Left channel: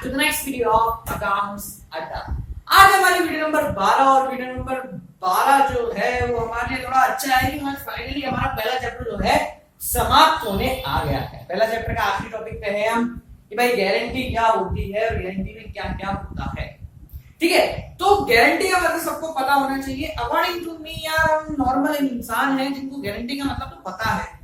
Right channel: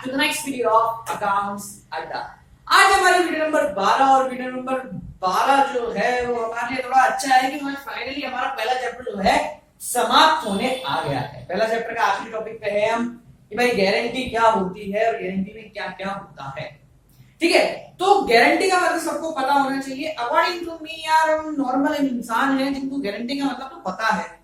Back to the next video of accounts Adda. आज हमारी video number 12 और वीडियो नंबर 12 जो है वो हमारे लिए थोड़ा अच्छा है कि फाइनली हमारा पहला चैप्टर जो है समाप्त होने आ गया है। पहला चैप्टर का आखिरी टॉपिक पे है हम कि भाई गारंटी क्या होती है और गारंटी में क्या क्या होता है। ठीक है, तो गारंटी का मतलब सबको पता होना चाहिए। अकॉर्डिंग टू मी यार हम नॉर्मल इंसान हैं जिनको गारंटी का मतलब तो पता है।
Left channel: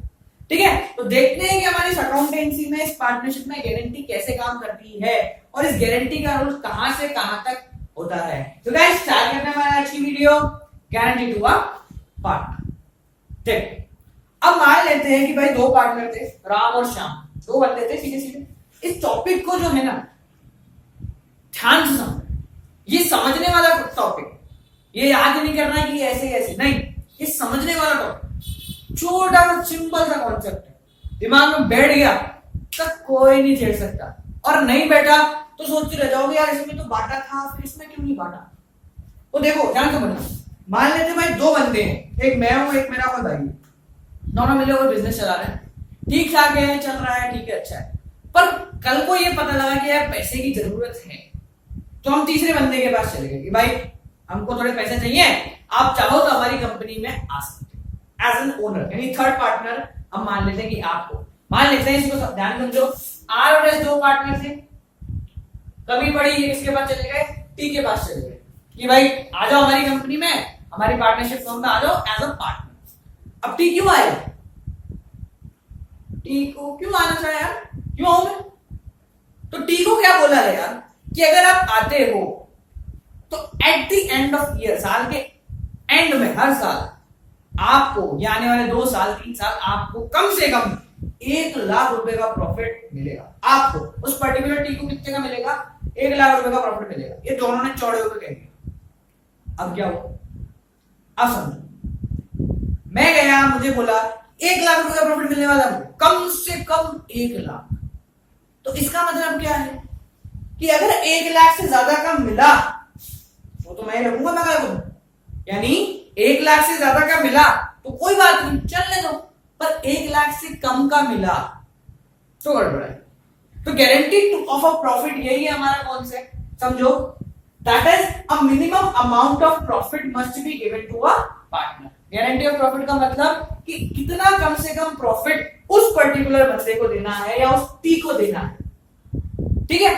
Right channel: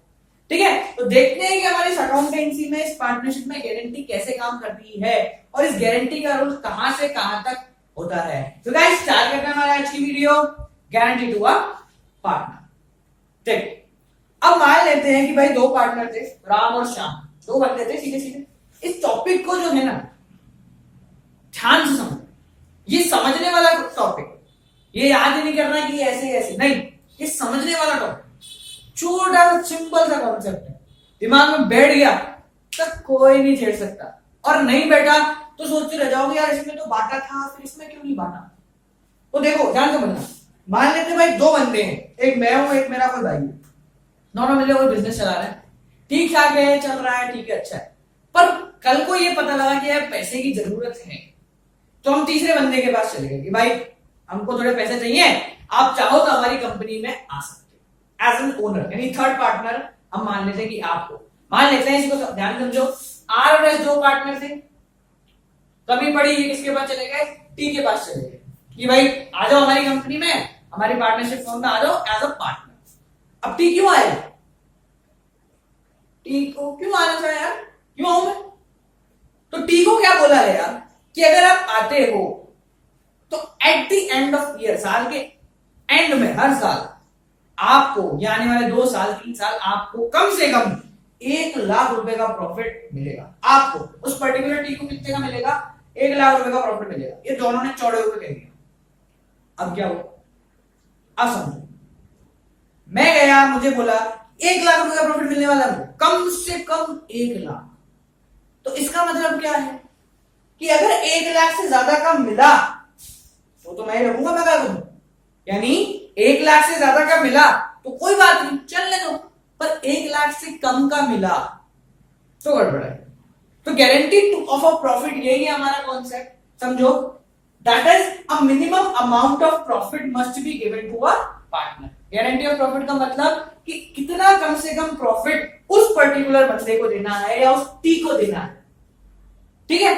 ठीक है, तो देखते हैं कि हमारी इस अकाउंटेंसी में इस पार्टनरशिप में गारंटी कैसे काम करती है और इस गारंटी का रोल कहां से कहां तक होता है। तो गाइस स्टार्ट करते हैं हमारा आज की video guarantee to a partner. देखो अब मान लेते हैं कि भाई दो पार्टनर थे, राम और श्याम, दो बंदे थे सीधे सीधे। इस टॉपिक को जो है ना ध्यान से समझ, ये समझने वाला टॉपिक, ये याद नहीं करना कि ऐसे ऐसे नहीं, ये समझने वाला टॉपिक, छोटा सा सिंपल सा कॉन्सेप्ट है, दिमाग में बैठ गया तब कोई नहीं छेड़ सकता, और नहीं बैठा तो सोचते रह जाओगे यार इसमें तो बांटा था फिर इसमें क्यों नहीं बांटा। तो देखो ध्यान से समझना, मान लेते भाई दो बंदे हैं, एक मैं हूं एक मेरा कोई भाई है, दोनों मिले कोई बिजनेस चला रहे हैं, ठीक ठाक है, चल रहा है, ठीक है, अच्छा है। पर कल को ये पता लगा कि यार पैसे की जरूरत है, तो हम तीसरे बंदे के पास चले गए कि भाई हमको थोड़े पैसे चाहिए, आप चाहो तो हमारी कंपनी में आ सकते एज एन ओनर, यानी थर्ड पार्टनर। हम मान लेते हैं कि आपको, मान लेते हैं, इसको ध्यान समझो, आर और एस दो पार्टनर थे, कभी पड़ी ये किसके पास चले गए, टी के पास चले गए कि भाई आ जाओ हमारी कंपनी में, हमारी पार्टनरशिप फॉर्म में आ जाओ एज अ पार्टनर। अब टी क्यों आया, टी को क्यों आना चाहिए यार, क्यों आऊं मैं? तो टी को क्या बोला है यार कि अगर आप आते हो तो at the end of year, साल के एंड में हर साल आपको, या आने वाले 2 साल 3 साल आपको कम से कम 1 लाख रुपए का प्रॉफिट मिलेगा। आपको उस पर्टिकुलर टी को कितने का मिलेगा, 1 लाख रुपए का प्रॉफिट मिलेगा। ये दोनों ने चौड़े होकर कह दिया। अब क्या हो, अब समझो, मैं गया, मुझे बोला 1 लाख रुपए का प्रॉफिट मिलने वाला है, कम से कम 1 लाख। तो इसका मतलब क्या है कि अगर 1 लाख से ज्यादा का मिला तो मैं रखूंगा, मैं क्या करूं, यानी 1 लाख से ज्यादा का मिला तो कोई बात नहीं, चलने दो, पर 1 लाख से कम का मिला तो गड़बड़ है। तो गारंटी ऑफ अ प्रॉफिट यही है हमारा कॉन्सेप्ट, समझो, that is a minimum amount of profit must be given to a partner. Guarantee of profit का मतलब कि कितना कम से कम प्रॉफिट उस पर्टिकुलर बंदे को देना है या उस टी को देना है। ठीक है,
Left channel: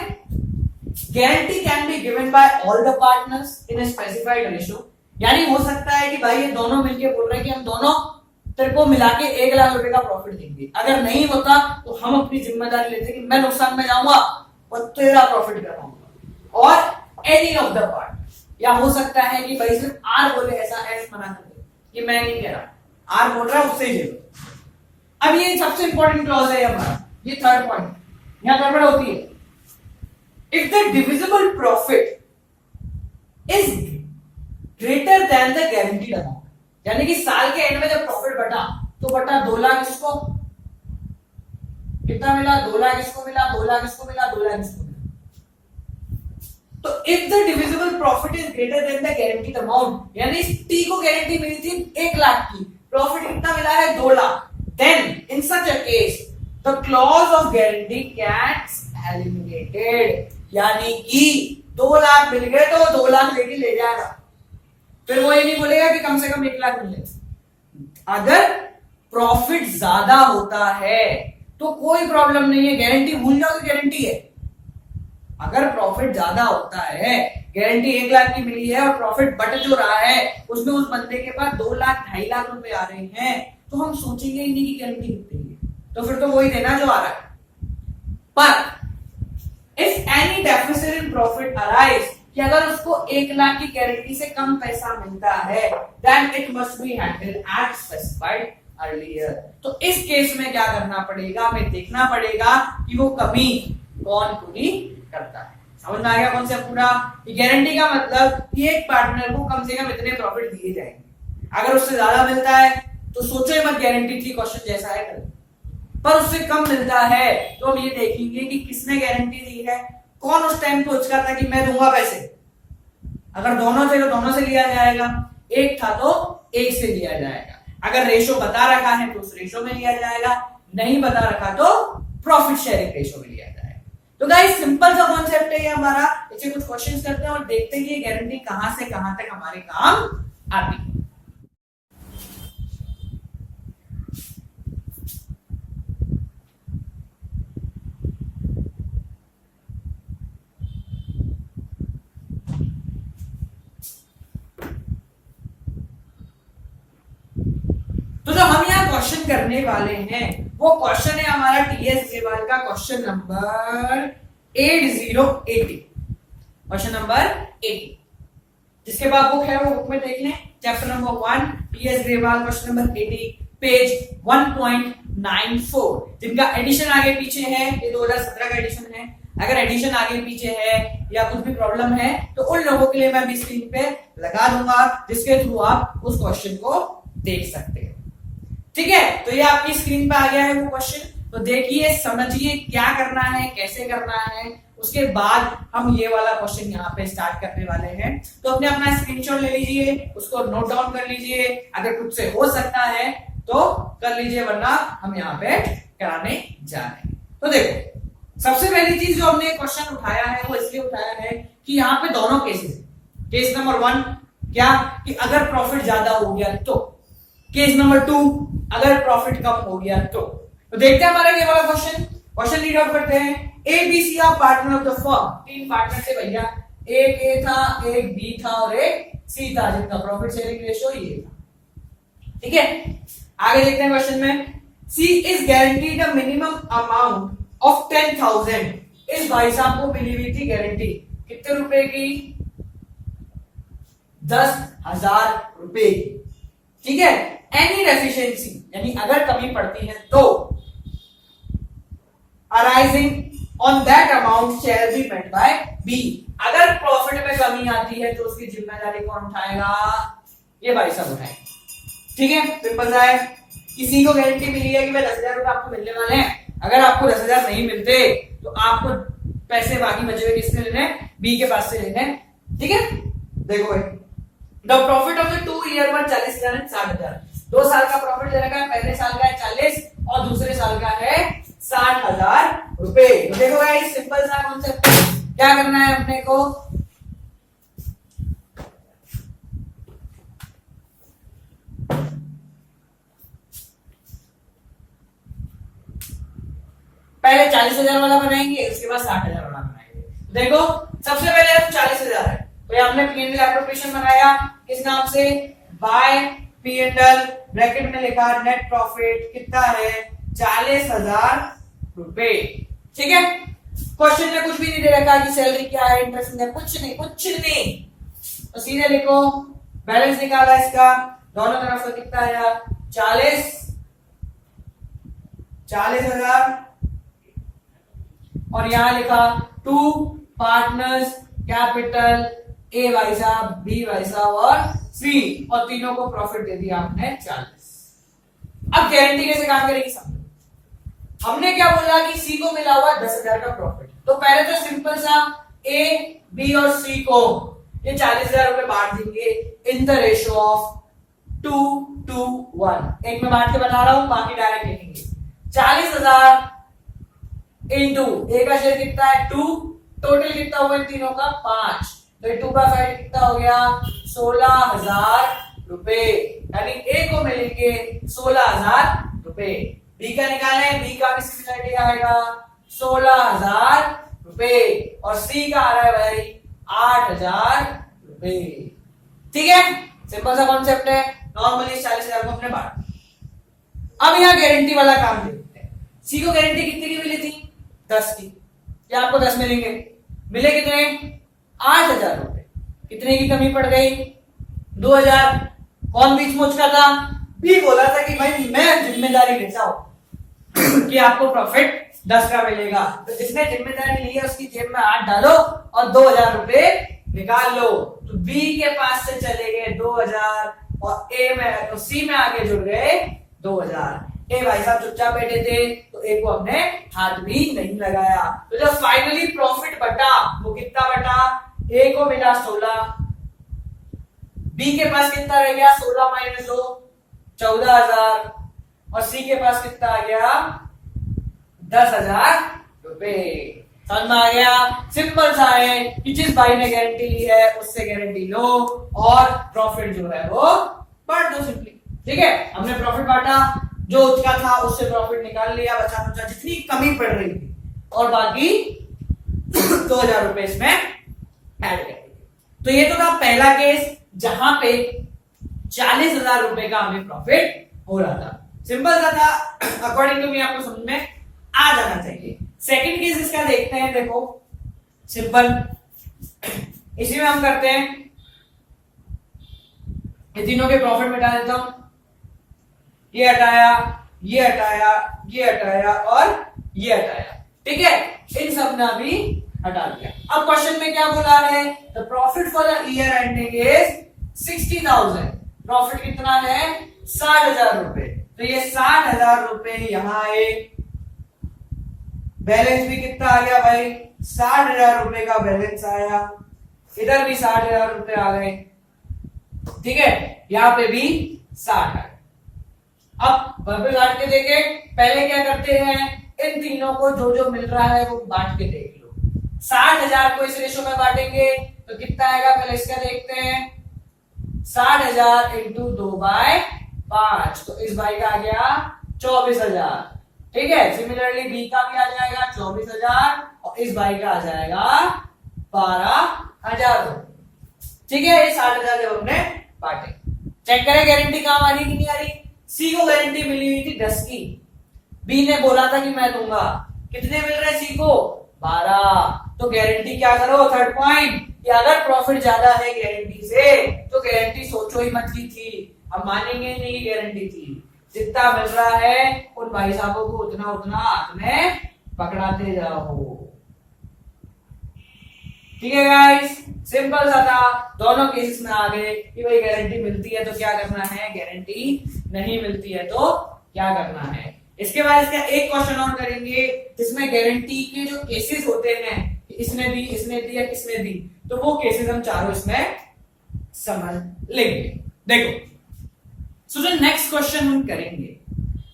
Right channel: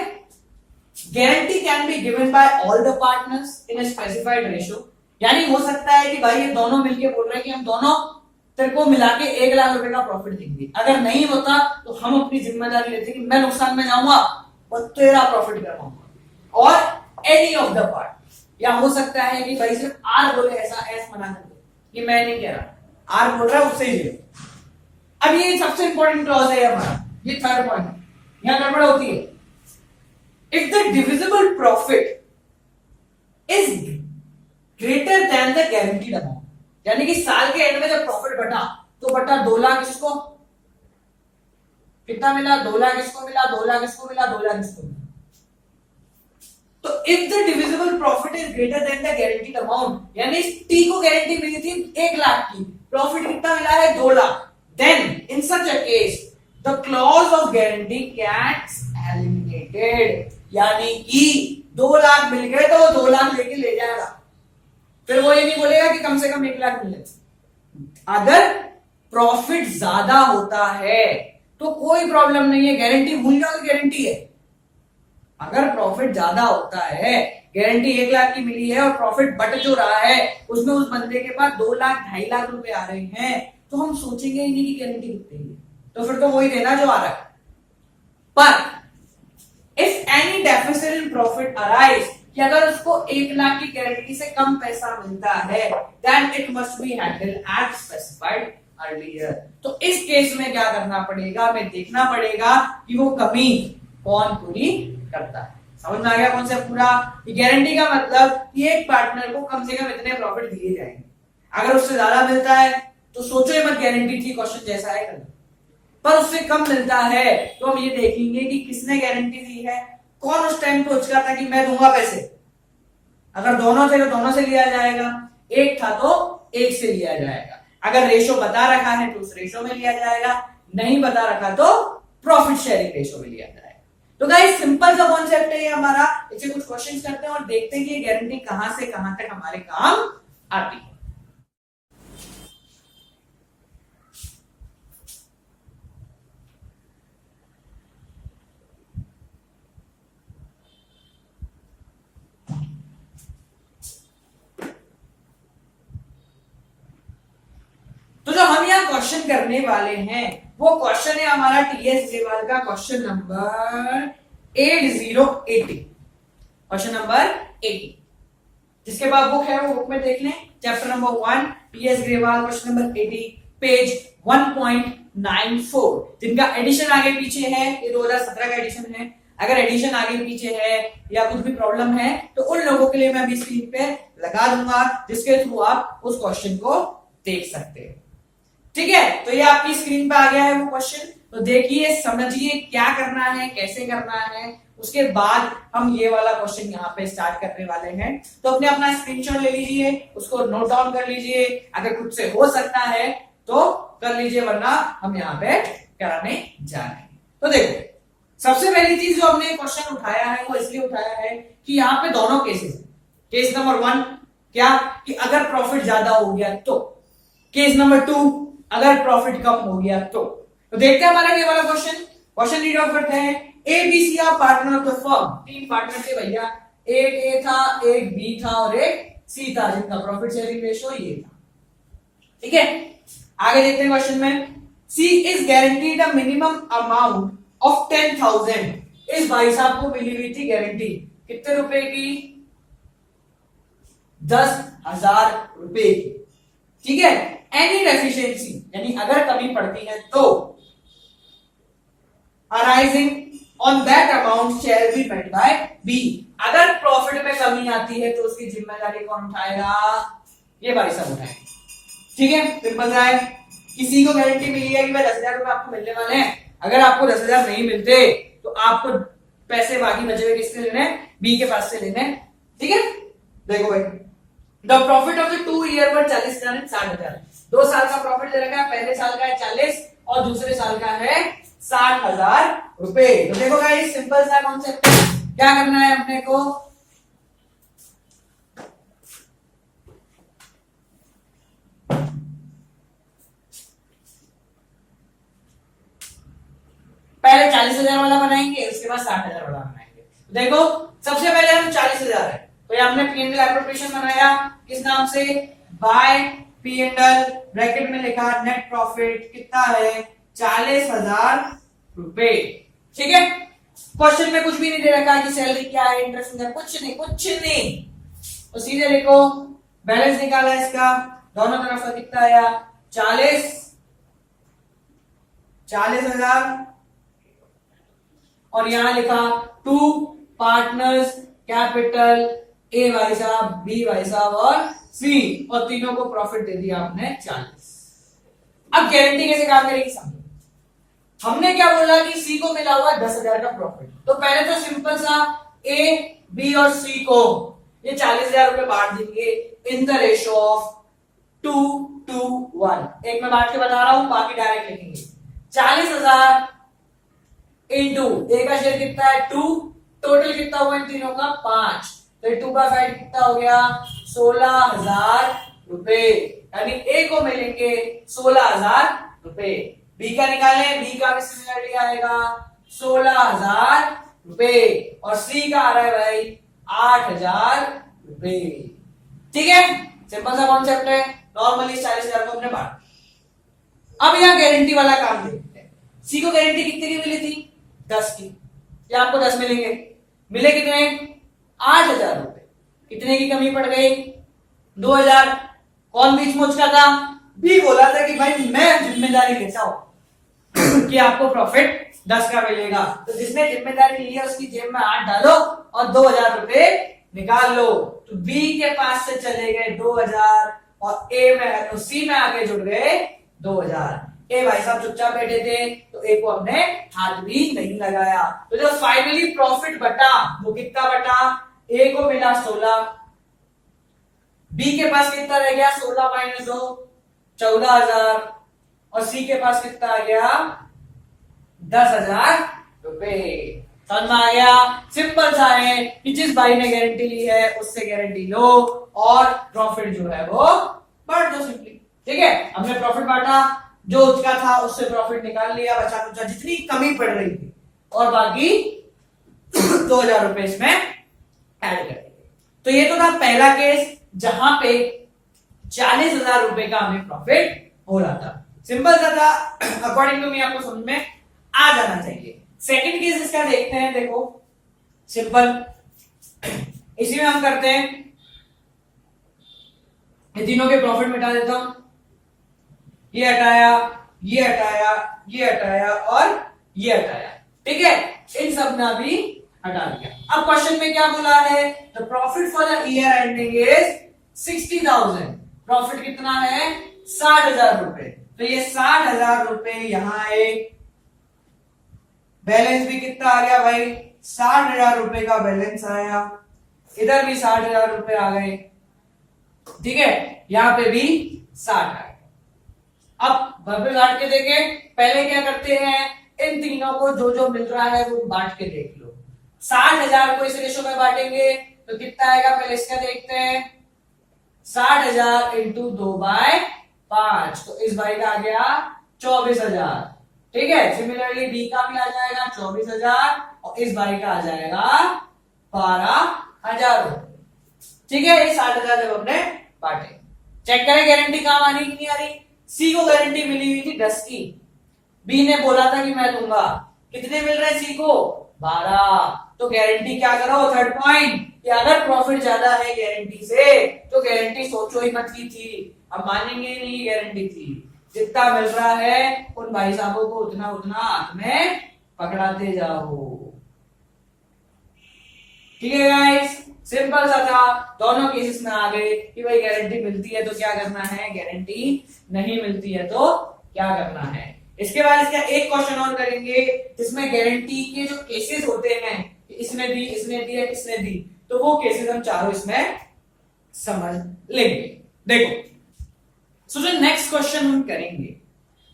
guarantee can be given by all the partners in a specified ratio, यानी हो सकता है कि भाई ये दोनों मिलके बोल रहे हैं कि हम दोनों तेरे को मिला के 1 लाख रुपए का प्रॉफिट देंगे। अगर नहीं होता तो हम अपनी जिम्मेदारी लेते कि मैं नुकसान में जाऊंगा और तेरा प्रॉफिट करवाऊंगा, और एनी ऑफ द पार्ट। या हो सकता है कि भाई सिर्फ आर बोले, ऐसा एस मना कर दे कि मैं नहीं कह रहा, आर बोल रहा है उससे ही। अब ये सबसे इंपॉर्टेंट क्लॉज है हमारा, ये थर्ड पॉइंट, यहां गड़बड़ होती है। If the divisible profit is greater than the guaranteed amount, यानी कि साल के एंड में जब प्रॉफिट बटा तो बटा 2 लाख इसको, कितना मिला, 2 लाख इसको मिला, 2 लाख इसको मिला, 2 लाख इसको मिला। तो if the divisible profit is greater than the guaranteed amount, यानी टी को गारंटी मिली थी 1 लाख की, प्रॉफिट कितना मिला है 2 lakh, then in such a case the clause of guarantee gets eliminated, यानी कि 2 लाख मिल गए तो वो 2 लाख लेके ले जाएगा, फिर वो ये नहीं बोलेगा कि कम से कम 1 लाख मिले। अगर प्रॉफिट ज्यादा होता है तो कोई प्रॉब्लम नहीं है, गारंटी भूल जाओ, गारंटी है। अगर प्रॉफिट ज्यादा होता है, गारंटी 1 लाख की मिली है और प्रॉफिट बट जो रहा है उसमें उस बंदे के पास 2 लाख 2.5 लाख रुपए आ रहे हैं, तो हम सोचेंगे ही नहीं कि गारंटी कितनी है, तो फिर तो वही देना जो आ रहा है। पर if any deficit in profit arise, कि अगर उसको 1 लाख की गारंटी से कम पैसा मिलता है, then it must be handled as specified earlier. तो इस केस में क्या करना पड़ेगा, हमें देखना पड़ेगा कि वो कमी कौन पूरी करता है। समझ में आ गया कौन सा पूरा, गारंटी का मतलब कि एक पार्टनर को कम से कम इतने प्रॉफिट दिए जाएंगे, अगर उससे ज्यादा मिलता है तो सोचो ही मत, गारंटी थी क्वेश्चन जैसा है कल, पर उससे कम मिलता है तो हम ये देखेंगे कि किसने गारंटी दी है, कौन उस टाइम पे उचका था कि मैं दूंगा पैसे। अगर दोनों थे तो दोनों से लिया जाएगा, एक था तो एक से लिया जाएगा, अगर रेशो बता रखा है तो उस रेशो में लिया जाएगा, नहीं बता रखा तो प्रॉफिट शेयरिंग रेशो में लिया जाएगा। तो गाइस सिंपल सा कॉन्सेप्ट है ये हमारा। इससे कुछ क्वेश्चंस करते हैं और देखते हैं कि ये गारंटी कहां से कहां तक हमारे काम आती है। तो जो हम यहाँ क्वेश्चन करने वाले हैं वो क्वेश्चन है हमारा टीएस ग्रेवाल का क्वेश्चन नंबर 8080। क्वेश्चन नंबर 80 जिसके बाद बुक है वो बुक में देख लें। Chapter number 1 TS Grewal question number 80 page 1.94। जिनका एडिशन आगे पीछे है, ये 2017 का एडिशन है। अगर एडिशन आगे पीछे है या कुछ भी प्रॉब्लम है तो उन लोगों के लिए मैं अभी स्क्रीन पे लगा दूंगा, जिसके थ्रू आप उस क्वेश्चन को देख सकते हो। ठीक है, तो ये आपकी स्क्रीन पे आ गया है वो क्वेश्चन। तो देखिए, समझिए क्या करना है, कैसे करना है। उसके बाद हम ये वाला क्वेश्चन यहाँ पे स्टार्ट करने वाले हैं। तो अपना स्क्रीनशॉट ले लीजिए, उसको नोट डाउन कर लीजिए। अगर कुछ से हो सकता है तो कर लीजिए, वरना हम यहाँ पे कराने जा रहे हैं। तो देखो, सबसे पहली चीज जो हमने क्वेश्चन उठाया है वो इसलिए उठाया है कि यहाँ पे दोनों केसेस। केस नंबर 1 क्या कि अगर प्रॉफिट ज्यादा हो गया तो, केस नंबर 2 अगर प्रॉफिट कम हो गया तो देखते हैं हमारा ये वाला क्वेश्चन। क्वेश्चन रीड आउट करते हैं। A B C are partner of the firm. 3 partner थे भैया, एक ए था, एक बी था और एक सी था, जिनका प्रॉफिट शेयरिंग रेशियो ये था। ठीक है, आगे देखते हैं क्वेश्चन में। C is guaranteed a minimum amount of 10,000। इस भाई साहब को मिली हुई थी गारंटी कितने रुपए की? 10,000 रुपए की। ठीक है, एनी डेफिशिएंसी यानी अगर कमी पड़ती है तो arising on that amount shall be met by B. अगर प्रॉफिट में कमी आती है तो उसकी जिम्मेदारी कौन उठाएगा? ये भाई साहब उठाएंगे। ठीक है, सिंपल सा है। किसी को गारंटी मिली है कि भाई 10,000 रुपए आपको मिलने वाले हैं। अगर आपको 10,000 नहीं मिलते तो आपको पैसे बाकी बचे हुए किससे लेने हैं? बी के पास से लेने हैं। ठीक है, देखो भाई, the profit of the 2 year were 40,000 and 60,000। 2 साल का प्रॉफिट दे रखा है, पहले साल का है 40 और दूसरे साल का है 60,000 रुपए। तो देखो गाइस, सिंपल सा कॉन्सेप्ट है। क्या करना है अपने को? पहले 40,000 वाला बनाएंगे, उसके बाद 60,000 वाला बनाएंगे। देखो, सबसे पहले हम 40,000 है तो हमने P&L एप्रोप्रिएशन बनाया किस नाम से? बाय P&L, ब्रैकेट में लिखा नेट प्रॉफिट कितना है? 40,000 रुपए। ठीक है, क्वेश्चन में कुछ भी नहीं दे रखा कि सैलरी क्या है, इंटरेस्ट है, कुछ नहीं, कुछ नहीं। तो सीधे लिखो, बैलेंस निकाला इसका, दोनों तरफ का कितना आया? 40,000 और यहां लिखा 2 पार्टनर्स कैपिटल, ए भाई साहब, बी भाई साहब और सी, और तीनों को प्रॉफिट दे दिया आपने 40। अब गारंटी कैसे काम करेगी समझो। हमने क्या बोला कि सी को मिला हुआ 10,000 का प्रॉफिट। तो पहले तो सिंपल सा ए बी और सी को ये 40,000 रुपए बांट देंगे इन द रेशियो ऑफ 2:1। एक में बांट के बता रहा हूं, बाकी डायरेक्ट लिखेंगे। 40,000 इंटू ए का शेयर कितना है? 2, टोटल कितना हुआ इन तीनों का? 5। तो 2 का फैक्ट कितना हो गया? 16,000 रुपए। यानी ए को मिलेंगे 16,000 रुपए। बी का निकाले, बी का भी सिमिलरली आएगा 16,000 रुपए और सी का आ रहा है भाई 8,000 रुपए। ठीक है, सिंपल सा कॉन्सेप्ट है। नॉर्मली 40,000 को अपने बांट। अब यहां गारंटी वाला काम देखते हैं। सी को गारंटी कितनी की मिली थी? 10 की। क्या आपको 10 मिलेंगे? मिले कितने? 8,000 रुपए। कितने की कमी पड़ गई? 2,000। कौन बीच मुझ का था? बी बोला था कि भाई मैं जिम्मेदारी लेता हूं कि आपको प्रॉफिट 10 का मिलेगा। तो जिसने जिम्मेदारी ली है उसकी जेब में हाथ डालो और 2,000 रुपए निकाल लो। तो बी के पास से चले गए 2,000 और ए में, तो सी में आके जुड़ गए 2,000। ए भाई साहब चुपचाप बैठे थे तो ए को हमने हाथ भी नहीं लगाया। तो जब फाइनली प्रॉफिट बटा वो कितना बटा? ए को मिला 16, बी के पास कितना रह गया? 16 माइनस 2 14,000 और सी के पास कितना आ गया? 10,000 रुपए। समझ में आ गया? सिंपल सा है कि जिस भाई ने गारंटी ली है उससे गारंटी लो और प्रॉफिट जो है वो बांट दो सिंपली। ठीक है, हमने प्रॉफिट बांटा, जो उसका था उससे प्रॉफिट निकाल लिया, बचा कुचा जितनी कमी पड़ रही थी और बाकी 2000 रुपए इसमें ऐड कर दिए। तो ये तो था पहला केस जहां पे 40,000 रुपए का हमें प्रॉफिट हो रहा था। सिंपल सा था, अकॉर्डिंग टू मी आपको समझ में आ जाना चाहिए। सेकंड केस इसका देखते हैं। देखो सिंपल, इसी में हम करते हैं, ये तीनों के प्रॉफिट मिटा देता हूं, ये हटाया, ये हटाया, ये हटाया और ये हटाया। ठीक है, इन सब ने भी हटा दिया। अब क्वेश्चन में क्या बोला है? The profit for the year ending is 60,000। Profit कितना है? 60,000 रुपए। तो ये 60,000 रुपए यहां आए, बैलेंस भी कितना आ गया भाई? 60,000 रुपए का बैलेंस आया, इधर भी 60,000 रुपए आ गए। ठीक है, यहां पे भी 60 आ गए। अब वापस बांट के देखें, पहले क्या करते हैं, इन तीनों को जो जो मिल रहा है वो बांट के देख लो। 60,000 को इस रेशो में बांटेंगे तो कितना आएगा? पहले इसका देखते हैं, 60,000 इंटू 2/5, तो इस भाई का आ गया 24,000। ठीक है, सिमिलरली बी का भी आ जाएगा 24,000 और इस भाई का आ जाएगा 12,000। ठीक है, ये 60,000 जब हमने बांटे, चेक करें गारंटी काम आ रही कि नहीं आ रही। सी को गारंटी मिली हुई थी 10 की, बी ने बोला था कि मैं दूंगा, कितने मिल रहे सी को? 12। तो गारंटी क्या करो? थर्ड पॉइंट, कि अगर प्रॉफिट ज्यादा है गारंटी से तो गारंटी सोचो ही मत की थी। अब मानेंगे नहीं कि गारंटी थी, जितना मिल रहा है उन भाई साहबों को उतना उतना हाथ में पकड़ाते जाओ। ठीक है गाइस, सिंपल सा था, दोनों केसेस में आ गए कि भाई गारंटी मिलती है तो क्या करना है, गारंटी नहीं मिलती है तो क्या करना है। इसके बाद इसका एक क्वेश्चन और करेंगे जिसमें गारंटी के जो केसेस होते हैं, इसने दी, इसने दी, इसने दी, तो वो केसेस हम चारों इसमें समझ लेंगे। देखो, सो जो नेक्स्ट क्वेश्चन हम करेंगे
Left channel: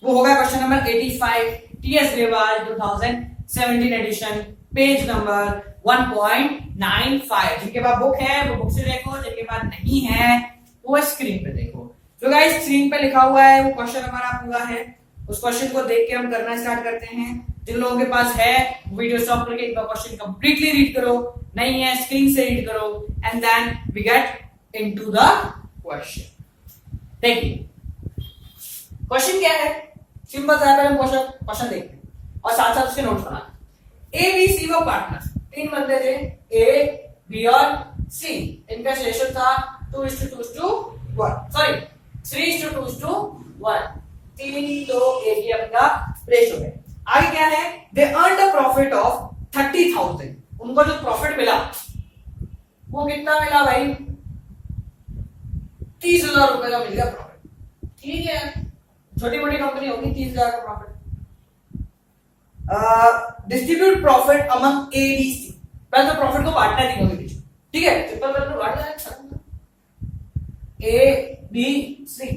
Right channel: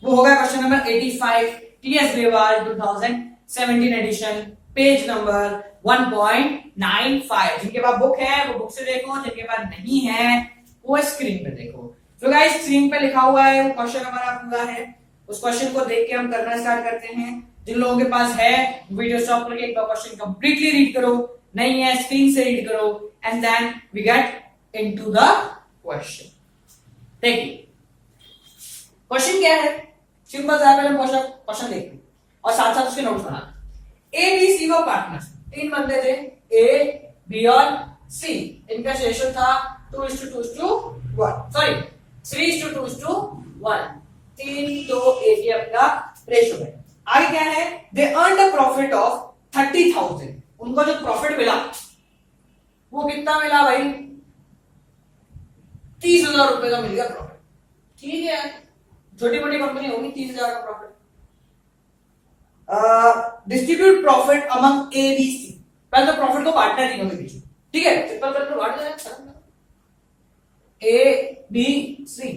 वो होगा क्वेश्चन नंबर 85, टीएस रेवाज 2017 एडिशन, पेज नंबर 1.95। जिनके पास बुक है वो बुक से देखो, जिनके पास नहीं है वो स्क्रीन पे देखो। जो गाइस स्क्रीन पे लिखा हुआ है वो क्वेश्चन हमारा पूरा है, उस क्वेश्चन को देख के हम करना स्टार्ट करते हैं। जिन लोगों के पास है वीडियो स्टॉप करके एक बार क्वेश्चन कंप्लीटली रीड करो, नहीं है स्क्रीन से रीड करो, and then we get into the question. देखिए क्वेश्चन क्या है, सिंपल सा है, क्वेश्चन देखते हैं और साथ साथ उसके नोट्स बना। ए बी सी वो पार्टनर्स, तीन बंदे थे, ए बी और सी, इनका रेशियो था 2:2:1, सॉरी 3:2:1, 3:2:1 ये अपना रेशियो है। आगे क्या है, they earn a profit of 30,000, उनको जो प्रॉफिट मिला वो कितना मिला भाई? 30,000 रुपए का मिल गया प्रॉफिट। ठीक है, छोटी मोटी कंपनी होगी, 30,000 का profit. Distribute profit among A B C, पहले तो प्रॉफिट को बांटना है तीनों के बीच। ठीक है, सिंपल करके बांट देना, ए बी सी,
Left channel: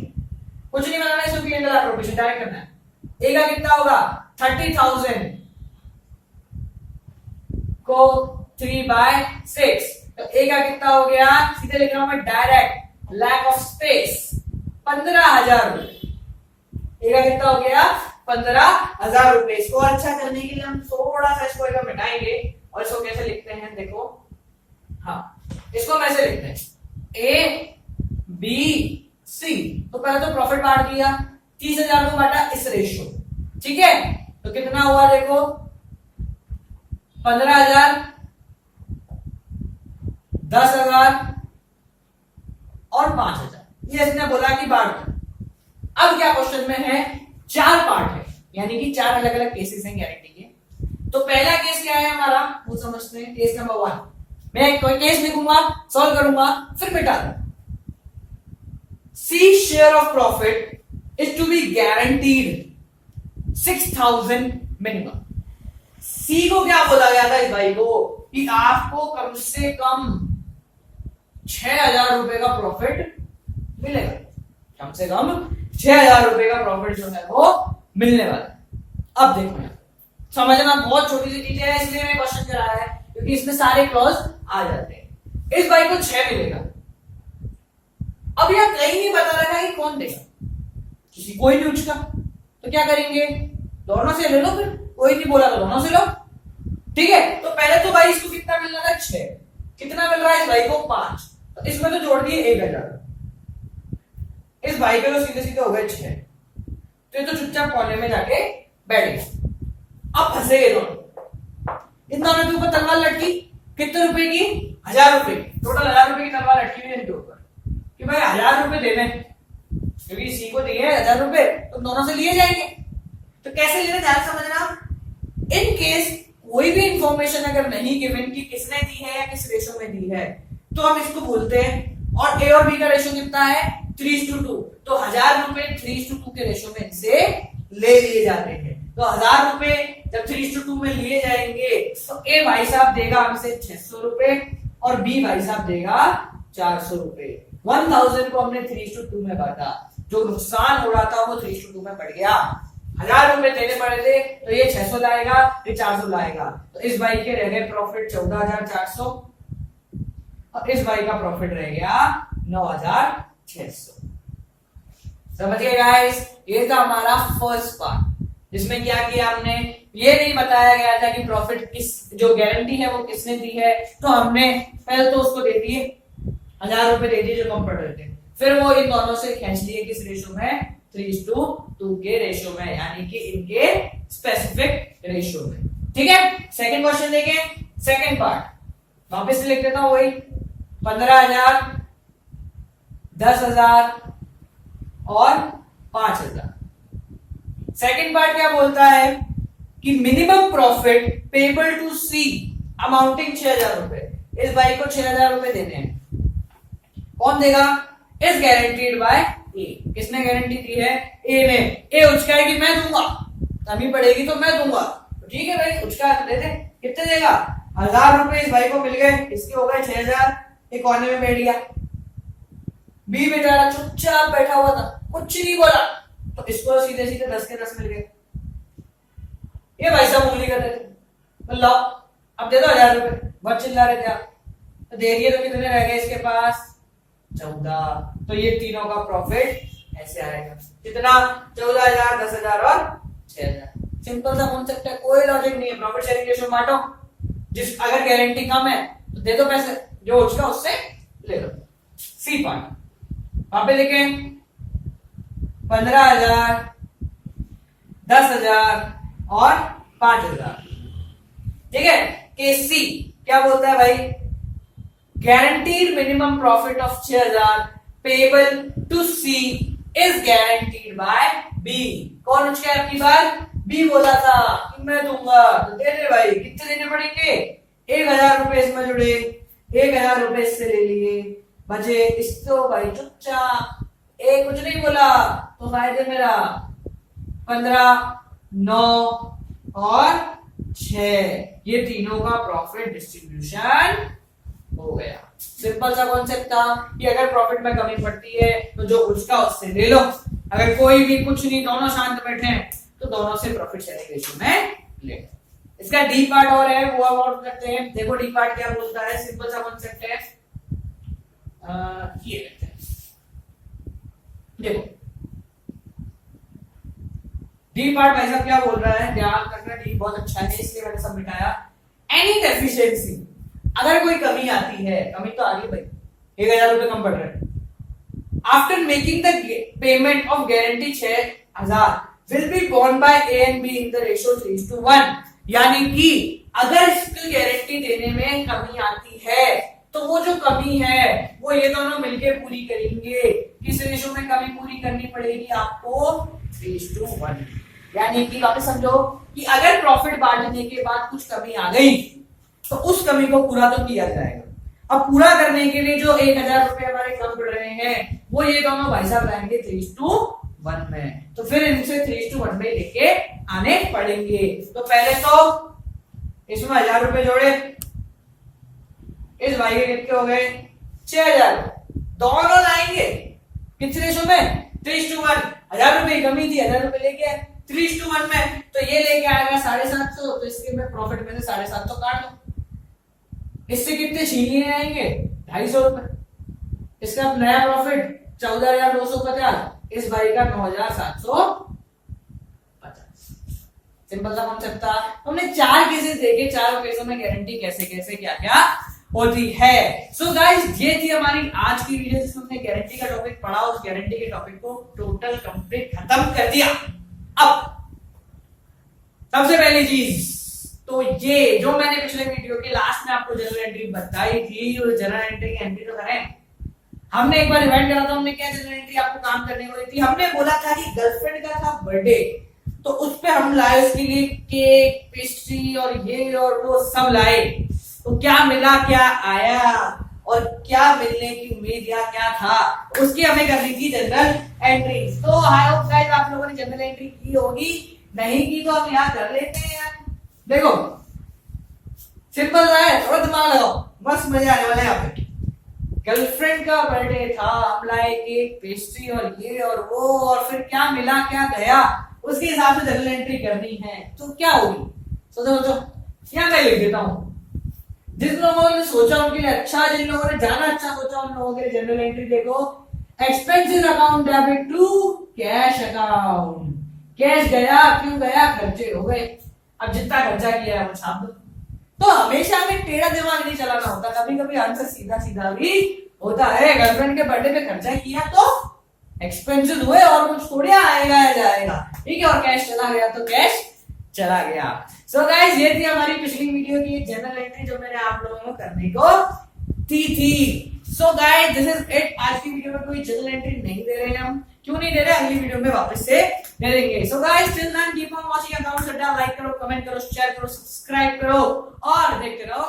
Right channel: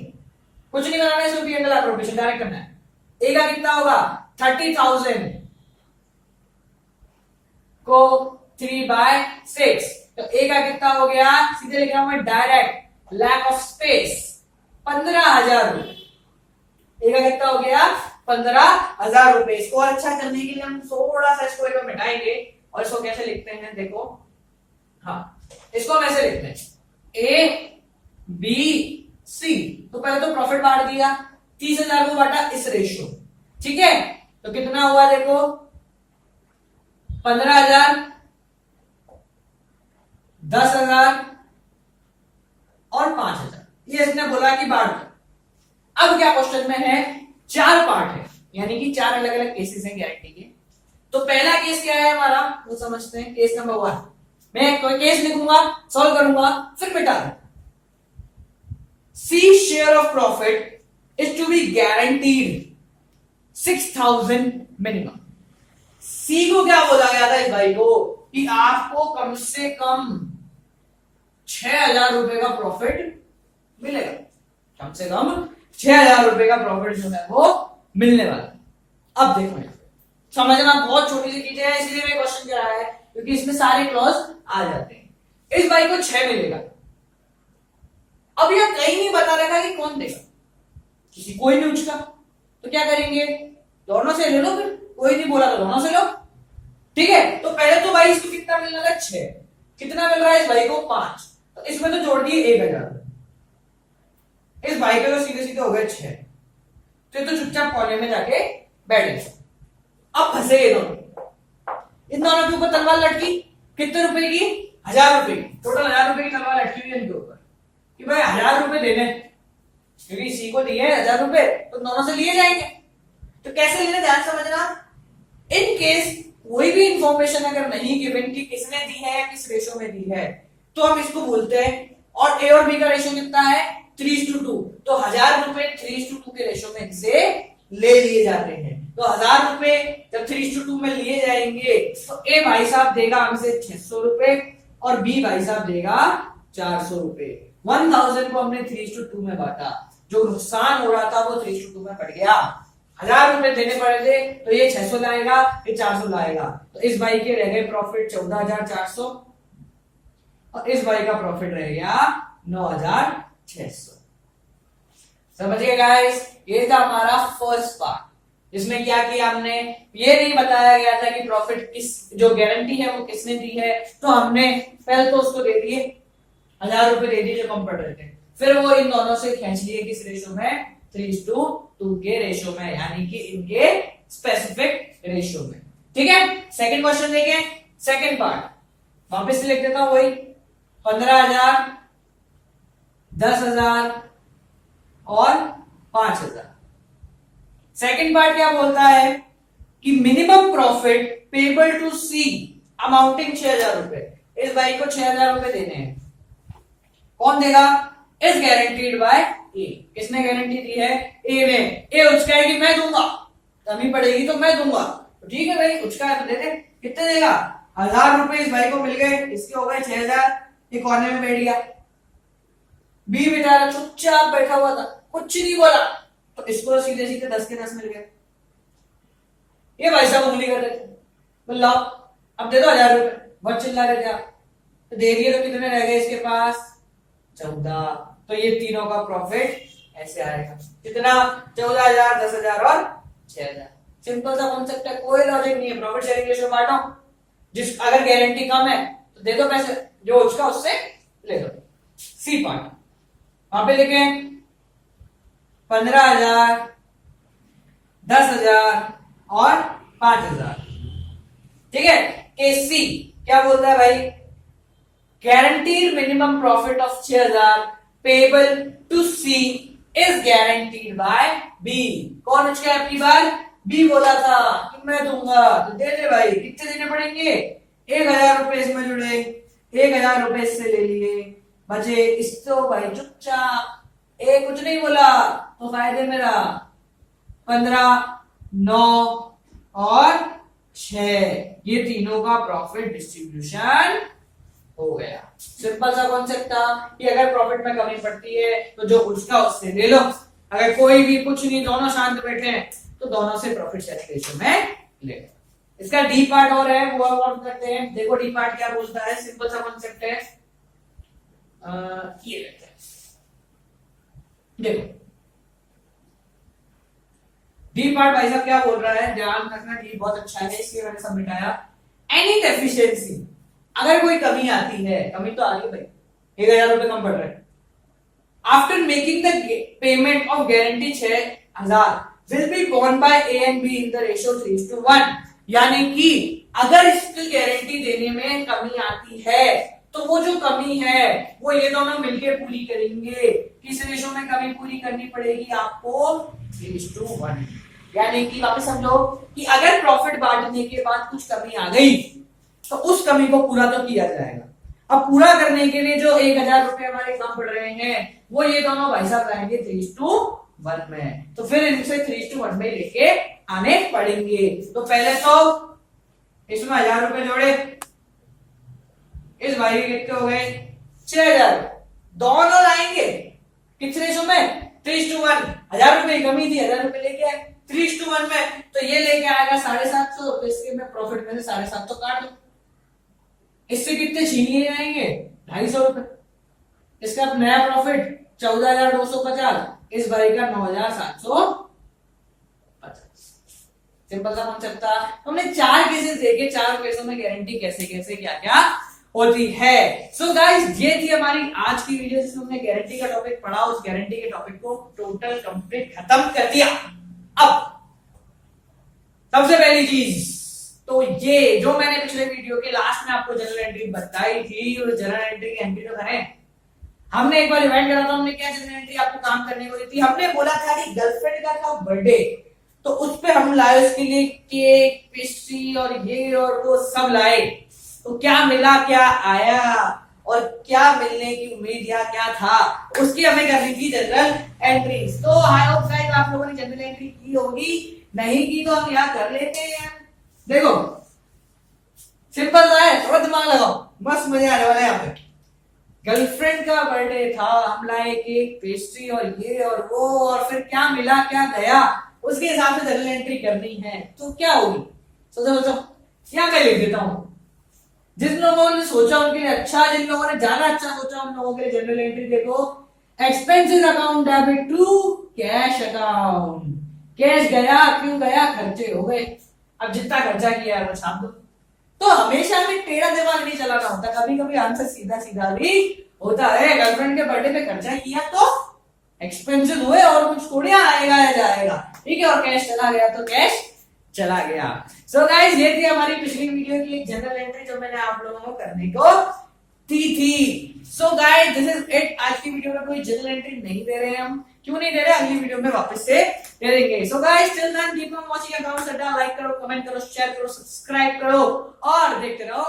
कुछ नहीं बनाना है, सिर्फ पी&एल एप्रोप्रिएशन डायरेक्ट करना है। ए का कितना होगा? 30,000 को 3/6, तो ए का कितना हो गया? सीधे लिखा हूं मैं डायरेक्ट, लैक ऑफ स्पेस, 15,000 रुपए। ए का कितना हो गया? 15,000 रुपए। इसको अच्छा करने के लिए हम थोड़ा सा इसको एक मिटाएंगे और इसको कैसे लिखते हैं, देखो, हाँ इसको हम ऐसे लिखते हैं, ए बी सी। तो पहले तो प्रॉफिट बांट दिया, 30,000 को बांटा इस रेशियो। ठीक है, तो कितना हुआ देखो, 15,000, 10,000 और 5,000, ये इसने बोला कि बांट दो। अब क्या क्वेश्चन में है, 4 पार्ट है, यानी कि 4 अलग अलग केसेस हैं गारंटी के। तो पहला केस क्या है हमारा, वो समझते हैं। केस नंबर 1, मैं कोई केस लिखूंगा, सॉल्व करूंगा, फिर मिटा दूंगा। C share of profit is to be guaranteed 6,000 minimum। C को क्या बोला गया था इस भाई को, कि आपको कम से कम 6,000 रुपए का प्रॉफिट मिलेगा, कम से कम 6,000 रुपए का प्रॉफिट जो है वो मिलने वाला है। अब देखो यहां समझना, बहुत छोटी सी डिटेल है इसलिए मैं क्वेश्चन कराया है, क्योंकि इसमें सारे क्लॉज आ जाते हैं। इस भाई को 6 मिलेगा। अब यह कहीं नहीं बता रखा कि कौन देगा, किसी कोई नहीं उसका, तो क्या करेंगे, दोनों से ले लो, फिर कोई नहीं बोला तो दोनों से लो, ठीक है। तो पहले तो भाई इसको कितना मिल रहा है, 6, कितना मिल रहा है इस भाई को 5, तो इसमें तो जोड़ दिए 1000, इस भाई के तो सीधे सीधे हो गए 6, तो ये तो चुपचाप कोने में जाके बैठ गए। अब फंसे ये दोनों, इन दोनों के ऊपर तलवार लटकी, कितने रुपए की, 1000 रुपए, टोटल 1000 रुपए की तलवार लटकी हुई इनके ऊपर कि भाई 1000 रुपए देने, क्योंकि इसी को दिए 1000 रुपए तो दोनों से लिए जाएंगे। तो कैसे लेने, ध्यान समझना। इन केस कोई भी इंफॉर्मेशन अगर नहीं गिवन कि किसने दी है या किस रेशो में दी है, तो हम इसको बोलते हैं, और ए और बी का रेशो कितना है, 3:2, तो 1000 रुपए 3:2 के रेशो में इनसे ले लिए जाते हैं। तो 1000 रुपए जब 3:2 में लिए जाएंगे तो ए भाई साहब देगा हमसे 600 रुपए और बी भाई साहब देगा 400 रुपए। 1000 को हमने 3:2 में बांटा, जो नुकसान हो रहा था वो 3:2 में बढ़ गया। 1000 रुपए देने पड़े थे तो ये 600 लाएगा, ये 400 लाएगा, तो इस भाई के रह गए प्रॉफिट 14,400 और इस भाई का प्रॉफिट रह गया 9,600। समझ गए गाइस, ये था हमारा फर्स्ट पार्ट, जिसमें क्या किया हमने, ये नहीं बताया गया था कि प्रॉफिट किस, जो गारंटी है वो किसने दी है, तो हमने पहले तो उसको दे दिए 1000 रुपए दे दिए जो कम पड़ रहे थे, फिर वो इन दोनों से खींच लिए किस रेशो में, 3:2 के रेशो में, यानी कि इनके स्पेसिफिक रेशो में। ठीक है, सेकंड क्वेश्चन देखें, सेकंड पार्ट वापस लिख देता हूं, वही 15,000, 10,000 और 5,000। सेकंड पार्ट क्या बोलता है कि minimum profit payable to C amounting 6,000 रुपए, इस भाई को 6,000 रुपए देने हैं, कौन देगा, इज गारंटीड बाय ए, किसने गारंटी दी है, ए में, ए उसका है कि मैं दूंगा, कमी पड़ेगी तो मैं दूंगा, तो ठीक है भाई उसका है तो दे दे, कितने देगा, 1000 रुपए इस भाई को मिल गए, इसके हो गए 6,000, एक कोने में बैठ गया, बी बेचारा चुपचाप बैठा हुआ था, कुछ नहीं बोला, तो इसको सीधे सीधे 10 के 10 मिल गए। ये भाई साहब उंगली कर रहे थे, बोल लाओ अब दे दो 1000 रुपए, बहुत चिल्ला रहे थे आप, तो दे दिए, तो कितने रह गए इसके पास, 14, तो ये तीनों का प्रॉफिट ऐसे आएगा, कितना, 14,000, 10,000 और 6,000। सिंपल सा कॉन्सेप्ट है, कोई लॉजिक नहीं है, प्रॉफिट शेयरिंग रेशियो बांटो, जिस अगर गारंटी कम है तो दे दो पैसे, जो उसका उससे ले दो। सी पार्ट वहां पे देखें, 15,000, 10,000 और 5,000, ठीक है। केस सी क्या बोलता है भाई, guaranteed minimum profit of 6,000 payable to C is guaranteed by B। कौन उसका अपनी बार, B बोला था कि मैं दूंगा, तो दे दे भाई, कितने देने पड़ेंगे, 1,000 रुपए इसमें जुड़े, 1,000 रुपए इससे ले लिए, बचे इसको भाई चुपचाप, ए कुछ नहीं बोला तो फायदे मेरा 15, 9 और 6, ये तीनों का प्रॉफिट डिस्ट्रीब्यूशन हो गया। सिंपल सा कॉन्सेप्ट था कि अगर प्रॉफिट में कमी पड़ती है तो जो उसका उससे ले लो, अगर कोई भी कुछ नहीं, दोनों शांत बैठे हैं तो दोनों से प्रॉफिट शेयरिंग रेशियो में ले लो। इसका डी पार्ट और है, वो अब और करते हैं। देखो डी पार्ट क्या बोलता है, सिंपल सा कॉन्सेप्ट है, ये लेते हैं, देखो डी पार्ट भाई साहब क्या बोल रहा है, ध्यान रखना, डी बहुत अच्छा है इसलिए मैंने सब मिटाया। एनी डेफिशिएंसी, अगर कोई कमी आती है, कमी तो आ गई भाई, 1,000 रुपए कम पड़ रहे हैं, after making the payment of guarantee 6,000 will be borne by A and B in the ratio 3:1, यानी कि अगर इसकी गारंटी देने में कमी आती है तो वो जो कमी है वो ये दोनों मिलके पूरी करेंगे। किस रेशियो में कमी पूरी करनी पड़ेगी आपको, 3:1, यानी कि वापस समझो कि अगर प्रॉफिट बांटने के बाद कुछ कमी आ गई तो उस कमी को पूरा तो किया जाएगा। अब पूरा करने के लिए जो 1,000 रुपए हमारे कम पड़ रहे हैं वो ये दोनों भाई साहब रहेंगे 3:1 में, तो फिर इनसे 3:1 में लेके आने पड़ेंगे। तो पहले तो इसमें 1,000 रुपए जोड़े, इस भाई के कितने हो गए, 6,000, दोनों लाएंगे किस रेशो में, 3:1, 1,000 रुपए की कमी थी, 1,000 रुपए लेके आए, 3:1 में, तो ये लेके आएगा 750, तो इसके मैं प्रॉफिट में से 750 काट दो। इससे कितने छीनिए आएंगे? 250 रुपए। इसका नया प्रॉफिट 14,250, इस भाई का 9,750। सिंपल सा कॉन्सेप्ट था। हमने 4 केसेस देखे, चारों केसों में गारंटी कैसे कैसे क्या क्या होती है। सो गाइस, ये थी हमारी आज की वीडियो जिसमें हमने गारंटी का टॉपिक पढ़ा, उस गारंटी के टॉपिक को टोटल कंप्लीट खत्म कर दिया। अब सबसे पहली चीज तो ये जो मैंने पिछले वीडियो के लास्ट में आपको जनरल एंट्री बताई थी, और जनरल एंट्री की एंट्री तो करें। हमने एक बार इवेंट करा था, हमने क्या जनरल एंट्री आपको काम करने को दी थी। हमने बोला था कि गर्लफ्रेंड का था बर्थडे, तो उस पे हम लाए उसके लिए केक, पेस्ट्री और ये और वो सब लाए। तो क्या मिला, क्या आया और क्या मिलने की उम्मीद या क्या था, उसकी हमें करनी थी जनरल एंट्री। तो आई होप गाइस आप लोगों ने जनरल एंट्री की होगी, नहीं की तो हम यहाँ कर लेते हैं। देखो सिंपल सा है, थोड़ा दिमाग लगाओ, बस मजे आने वाले हैं यहाँ पे। गर्लफ्रेंड का बर्थडे था, हम लाए केक, पेस्ट्री और ये और वो, और फिर क्या मिला क्या गया, उसके हिसाब से जनरल एंट्री करनी है। तो क्या होगी, सोचो सोचो। यहाँ मैं लिख देता हूं, जिन लोगों ने सोचा उनके लिए अच्छा, जिन लोगों ने ज्यादा अच्छा सोचा उन लोगों के लिए जनरल एंट्री देखो। Expenses account debit to cash account. Cash गया, क्यों गया? खर्चे हो गए। अब जितना खर्चा किया है वो छाप दो। तो हमेशा हमें टेढ़ा दिमाग नहीं चलाना होता, कभी कभी आंसर सीधा सीधा भी होता है। गर्लफ्रेंड के बर्थडे पे खर्चा किया तो एक्सपेंसेस हुए, और कुछ थोड़ी आएगा या जाएगा, ठीक है। और कैश चला गया तो कैश चला गया। सो गाइस, ये थी हमारी पिछली वीडियो की जनरल एंट्री जो मैंने आप लोगों को करने को दी थी। So guys, this is it. आज की वीडियो में कोई जनरल एंट्री नहीं दे रहे हैं हम। क्यों नहीं दे रहे? अगली वीडियो में वापस से दे देंगे। So guys, till then keep on watching account अड्डा। लाइक करो, कमेंट करो, शेयर करो, सब्सक्राइब करो और देखते रहो